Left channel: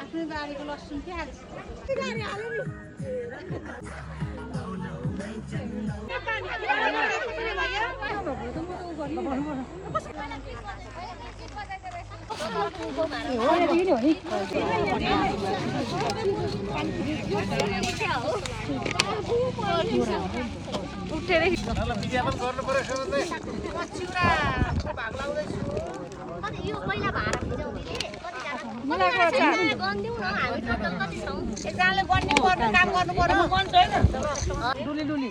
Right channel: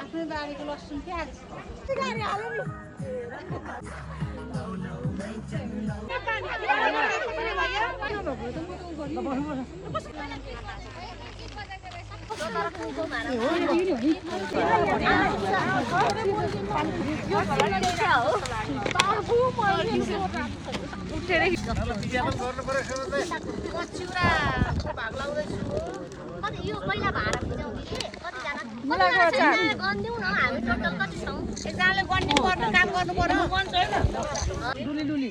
आफ्नै बारीको लसुन प्याज यो पहिला भाडा बुझाउने के कतिजना गन्दिउँ न हामी टोटल कति छौँ एकजनाले गन्दिनु पर्ने काम गर्नु पर्यो गन्छ हैन डुली डुली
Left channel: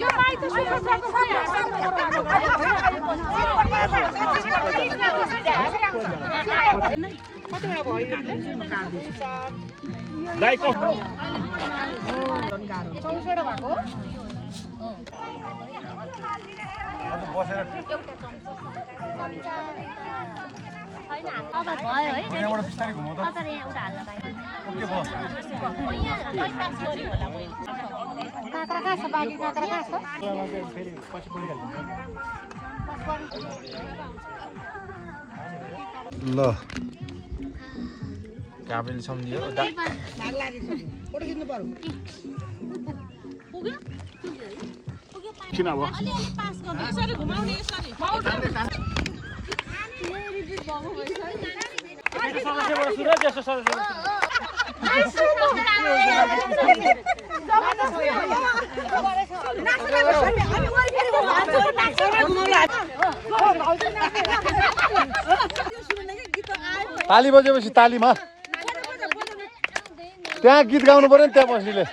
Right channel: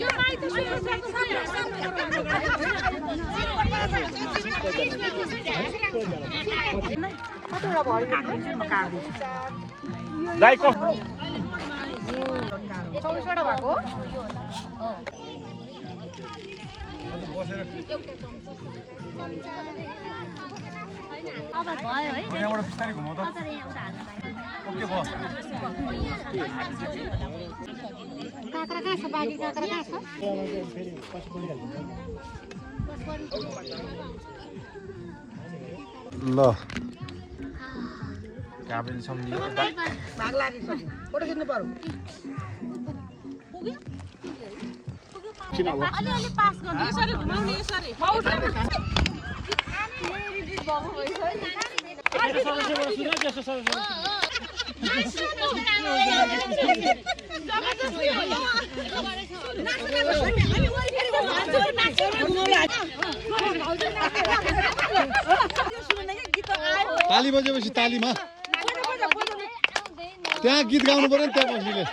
यो माइ त सुनको कतिवटा भयो लाइक चौसवटा भएको अब भयो है यहाँबाट बिस्तारै घुमाउ त तर यहाँ उता हाल्न पाएन ओके बस काँक्रा कहाँ छ बाँकी काँक्रा कहाँ छ ल त्यहाँ पनि सम्झियो किन अब अलिअलि पास गर्नु यसरी घुमाउने यसरी ताली बजेपछि तालीमा त्यहाँ गीत गाउनु पर्यो नि त्यहाँ बस्नेले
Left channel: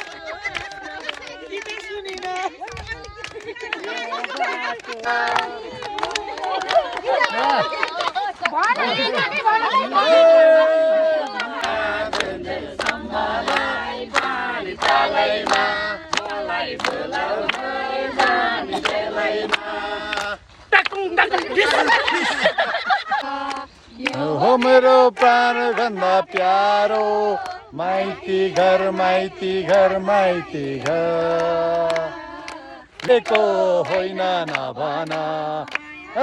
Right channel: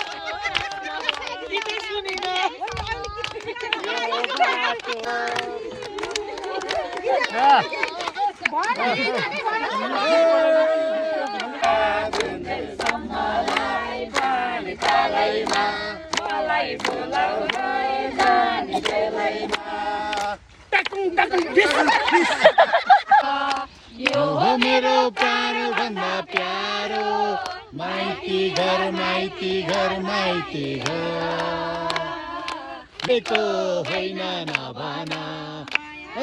हो मेरो प्राण भन्दा प्यारो माइती घर माइती घर माइती घर लाएको होइन नभना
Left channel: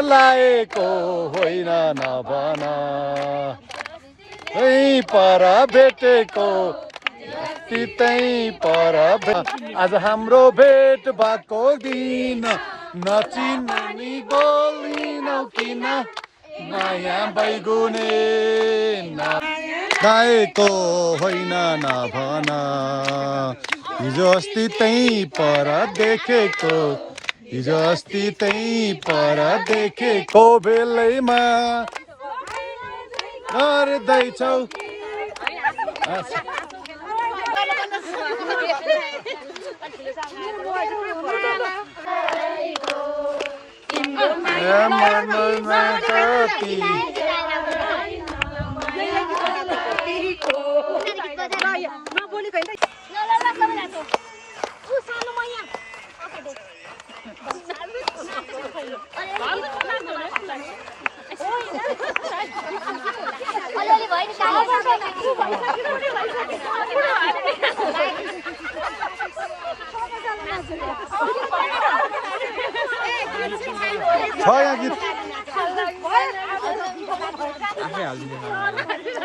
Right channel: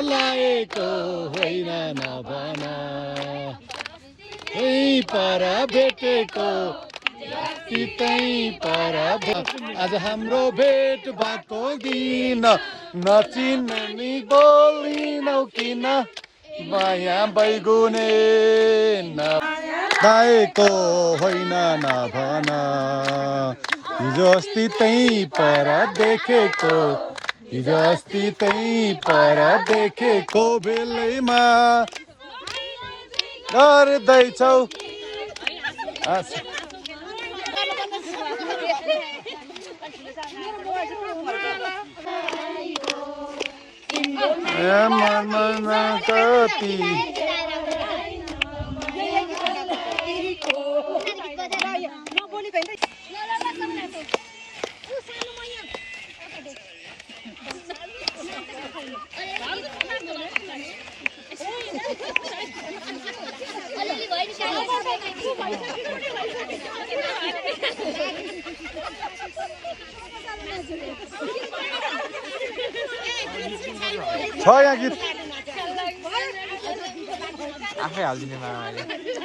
लाएको होइन नभना यही पर भेटेको त्यही पर आज हाम्रो भेट भएको दिन नचिन्ने नि बोलिनौ किन नयाँ बैगुने लाएको होइन नभना हिजो अस्ति त्यही पर देखेको हिजो अस्ति त्यही पर देखेको बेलैमा गर्दैछौ यहाँ गीत आफै हाल्दिनु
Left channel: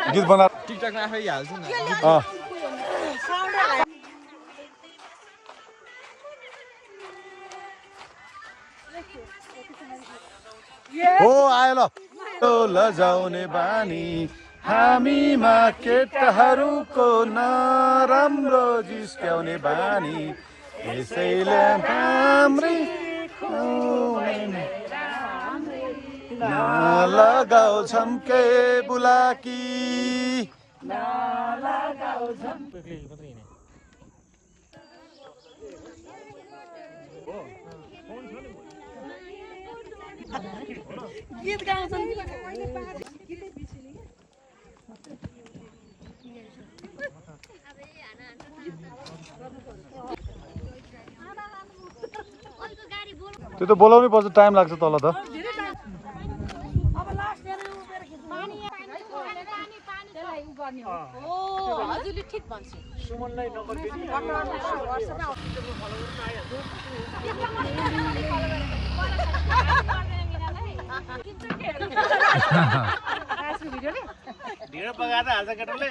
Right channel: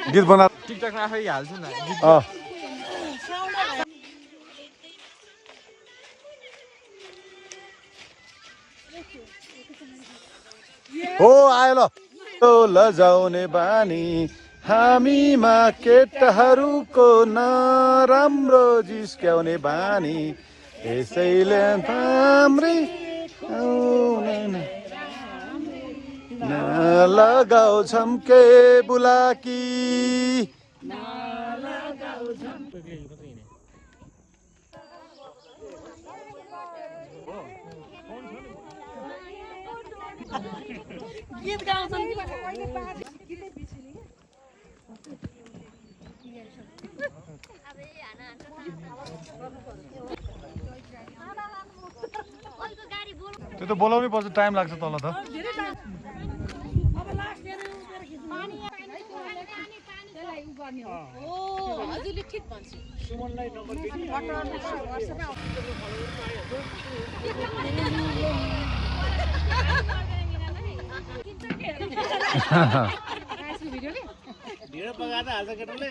गीत बना टिकटकमा आफै हाल्छु न हो आयो ल लजाउने बानी हामीमा केटाहरूको नराम्रो जिस्क्याउने बानी यसैले हाम्रै लगाउ झम्के बुलाकी गीत गाउँछन् त्यो त बोलाउनै पर्छ टाइम लाग्छ तल त गर्ने हो हजुरले ठिक भन्छ सुमनलाई नम्बर दिने भिडियो बगाएर हाल्छ केटाले